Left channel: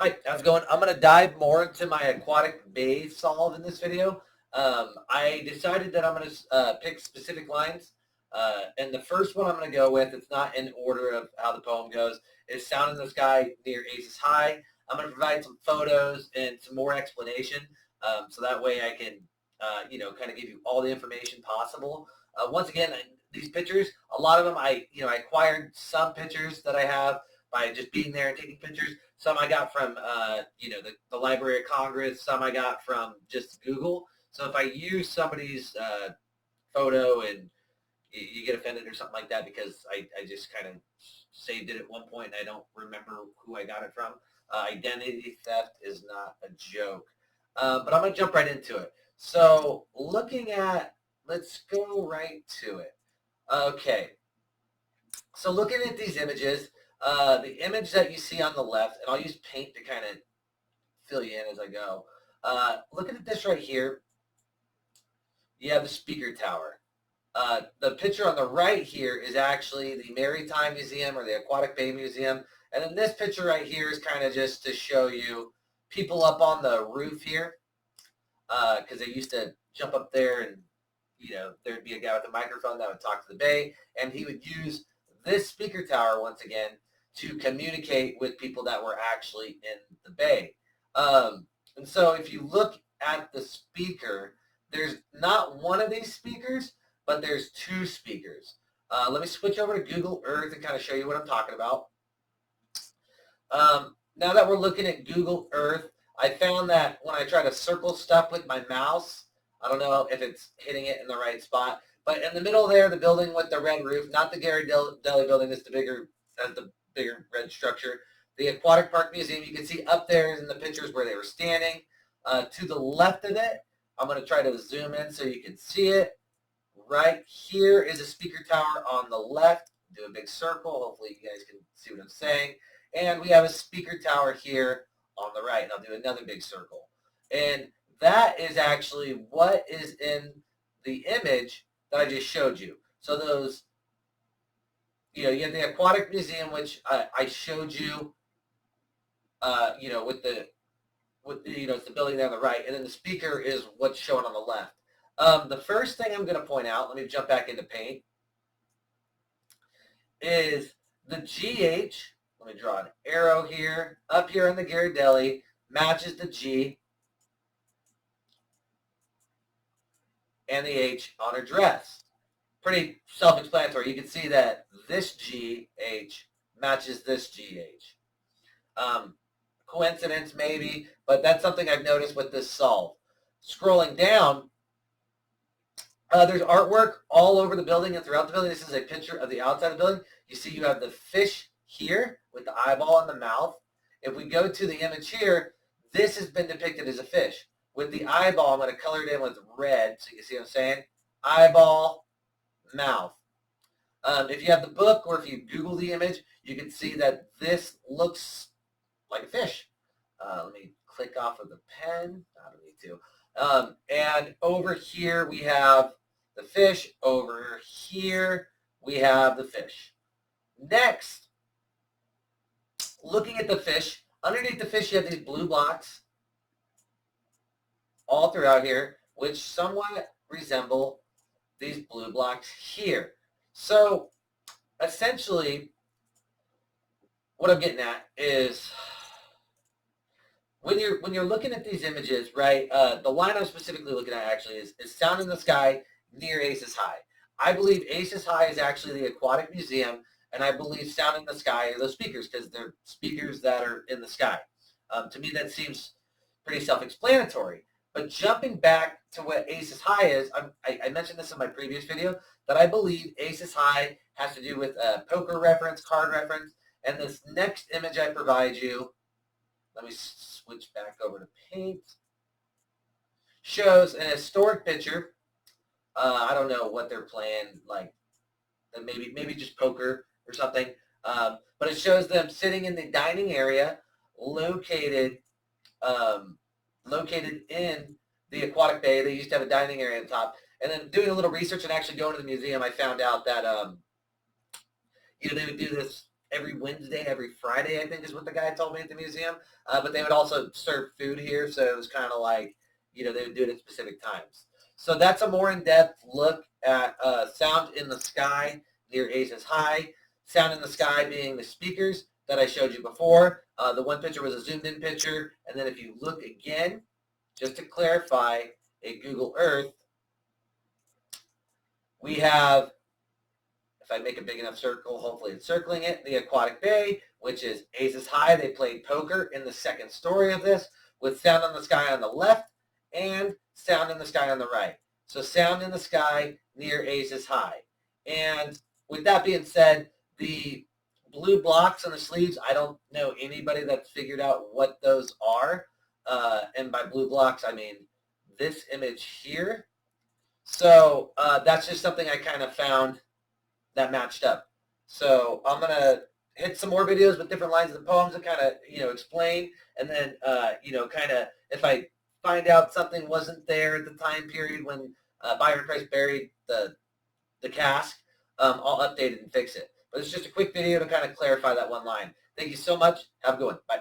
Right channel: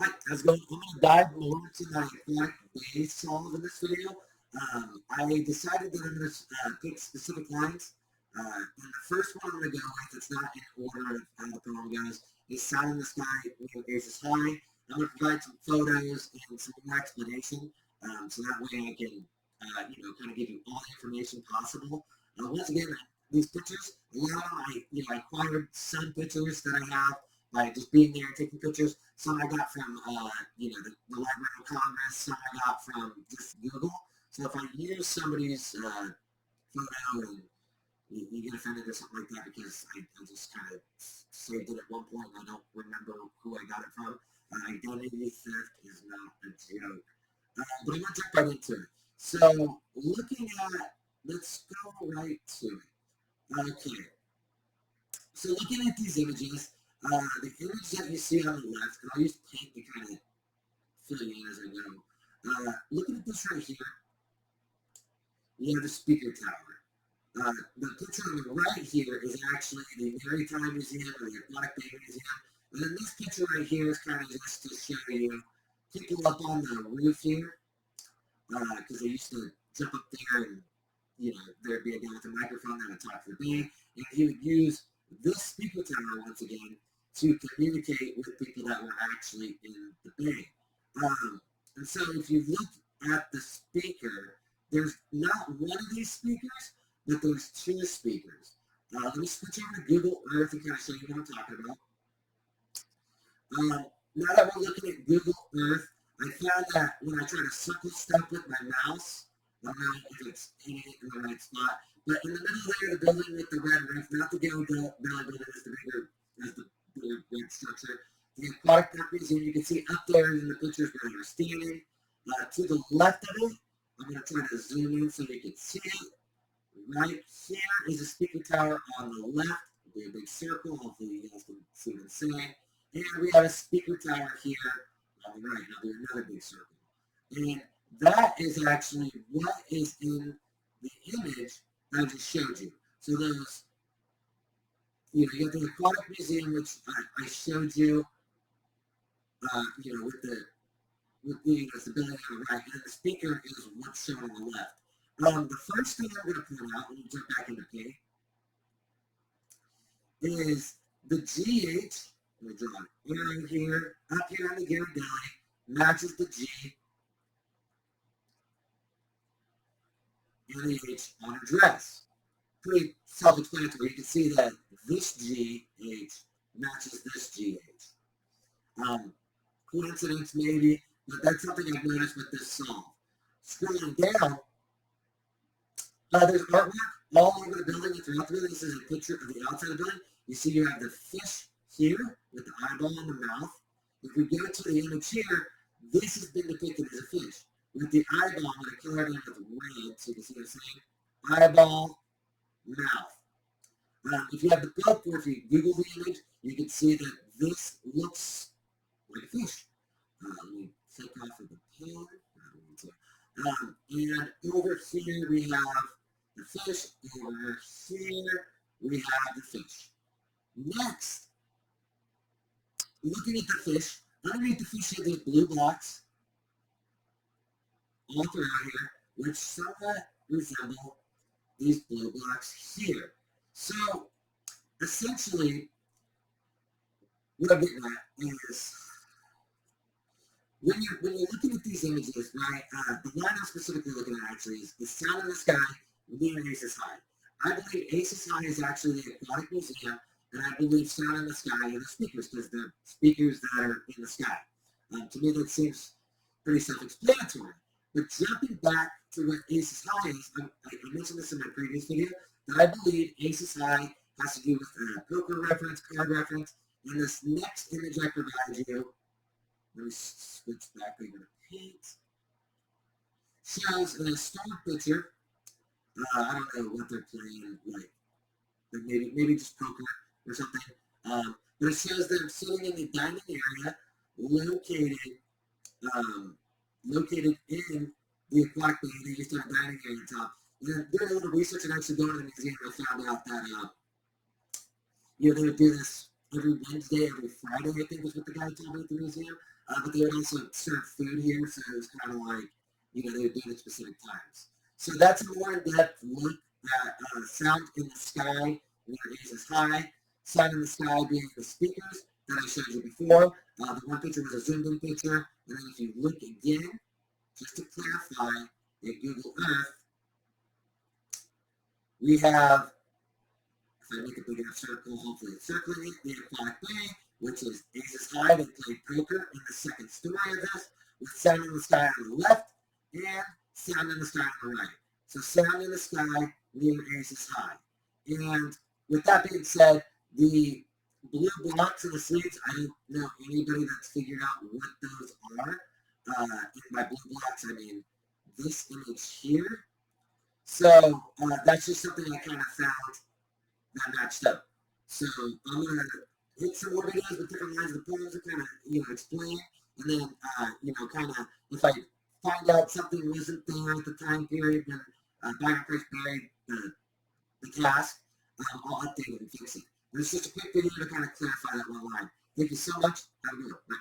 Hi, how's it going? I'm going to dive more into my aquatic bay solve in this video. I decided that I'm going to pick specific lines. And the first one I'm going to go with, it's not in order of how the poem goes, is Sound in the Sky near Aces High. I'm going to provide some photos and some more explanation. So that way I can, kind of give you all the information possible. Once again, these pictures, a lot of them I acquired some pictures that I have by just being there and taking pictures. Some I got from, the Library of Congress. Some I got from just Google. So if I use somebody's photo and you get offended or something like that because I just kind of saved it at one point and I don't remember who I got it from. Identity theft is not a joke. But I'm going to jump right into it. So let's go right to it. Okay. So looking at these images, the image that you see on the left, and I'll use paint to kind of fill you in as I go. Looking at this right here, you have the speaker tower. The picture on the right here is actually the Maritime Museum or the Aquatic Bay Museum. And then this picture right here is kind of just to show you people up on the roof here because they used to jump up there and, there'd be a guy with a microphone that would talk to the bay, and he would use this speaker tower once again to communicate with people that were actually in the bay. And so if you look at the speaker, there's not one of these speakers, but there's two speakers. Let me switch over to Google Earth and kind of show you what I'm talking about. Now that we're looking at Google Earth, I found that when I try to circle stuff with my mouse, I don't know if it's hitting it in the right spot, but in the middle there, the building with the red roof, not the Gary Deli building, that's the bigger red structure. The Aquatic Park Museum, you can see up there in the pictures where they were standing. To the left of it, I'm going to try to zoom in so you can see it. Right here is a speaker tower on the left. Do a big circle. Hopefully you guys can see what I'm saying. And we have a speaker tower here on the right. And I'll do another big circle. And that is actually what is in the image that I just showed you. So those, you have the Aquatic Museum, which I showed you, it's the building there on the right. And then the speaker is what's shown on the left. The first thing I'm going to point out, let me jump back into paint, is the GH. Let me draw an arrow here. Up here on the Ghirardelli matches the G and the H on her dress. Pretty self-explanatory. You can see that this GH matches this GH. Coincidence maybe, but that's something I've noticed with this solve. Scrolling down, there's artwork all over the building and throughout the building. This is a picture of the outside of the building. You see you have the fish here with the eyeball and the mouth. If we go to the image here, this has been depicted as a fish. With the eyeball, I'm going to color it in with red so you can see what I'm saying. Eyeball, mouth. If you have the book or if you Google the image, you can see that this looks like a fish. Let me click off of the pen. I don't need to. And over here we have the fish. Over here we have the fish. Next, looking at the fish, underneath the fish you have these blue blocks all throughout here, which somewhat resemble these blue blocks here. So essentially what I'm getting at is when you're looking at these images, right, the line I'm specifically looking at actually is Sound in the Sky near Aces High. I believe Aces High is actually the Aquatic Museum, and I believe Sound in the Sky are those speakers because they're speakers that are in the sky. To me, that seems pretty self-explanatory. But jumping back to what Aces High is, I mentioned this in my previous video, that I believe Aces High has to do with a poker reference, card reference, and this next image I provide you, let me switch back over to paint, shows an historic picture. I don't know what they're playing, like maybe just poker or something. But it shows them sitting in the dining area located in the Aquatic Bay. They used to have a dining area on top. And then doing a little research and actually going to the museum, I found out that, they would do this every Wednesday, every Friday, I think is what the guy told me at the museum. But they would also serve food here, so it was kind of like, they would do it at specific times. So that's a more in-depth look at sound in the sky near Aces High. Sound in the sky being the speakers that I showed you before. The one picture was a zoomed-in picture, and then if you look again, just to clarify, at Google Earth, we have, if I make a big enough circle, hopefully it's circling it, the Aquatic Bay, which is Aces High. They played poker in the second story of this, with sound in the sky on the left and sound in the sky on the right. So sound in the sky near Aces High. And with that being said, the blue blocks on the sleeves, I don't know anybody that's figured out what those are. And by blue blocks, I mean this image here. So that's just something I kind of found that matched up. So I'm going to hit some more videos with different lines of the poems to kind of, explain. And then, kind of, if I find out something wasn't there at the time period when Byron Price buried the cask, I'll update it and fix it. But it's just a quick video to kind of clarify that one line. Thank you so much. Have a good one. Bye.